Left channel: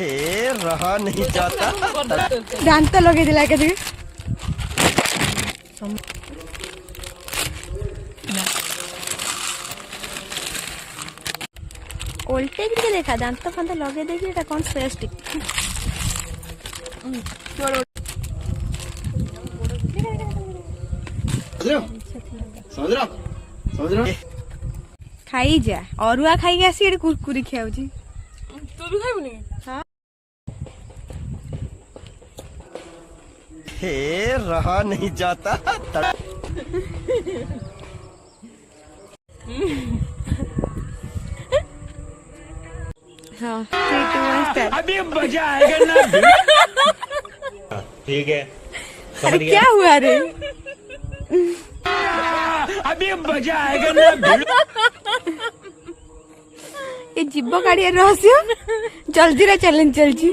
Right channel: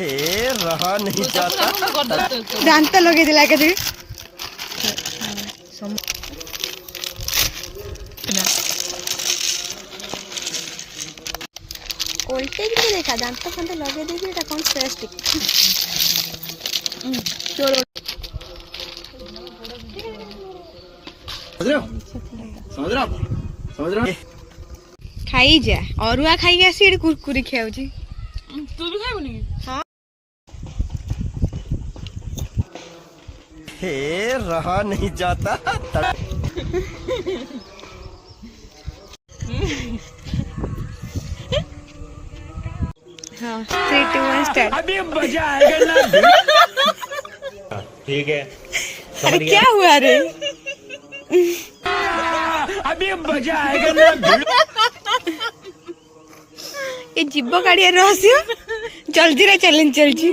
हे रहा नहीं जाता। दांत लगे दिला के दे ओल्टे भी देखा दांत फंत लगे दे एटा कोन स्पेस्टिक समझ रहा समझ रहा खाई जा अरुआ खाई आसी एडी कुरकुरी खाउची तू भी खाइबनी हां हे रहा नहीं जाता। हां 3 2 1 स्टार्ट अभी मजा आएगा ना। ठीक है अरे क्या हुआ रे अभी मजा आएगा ना। ये जीव काढ़िया रहस्य जल्दी रे चैलेंज चलची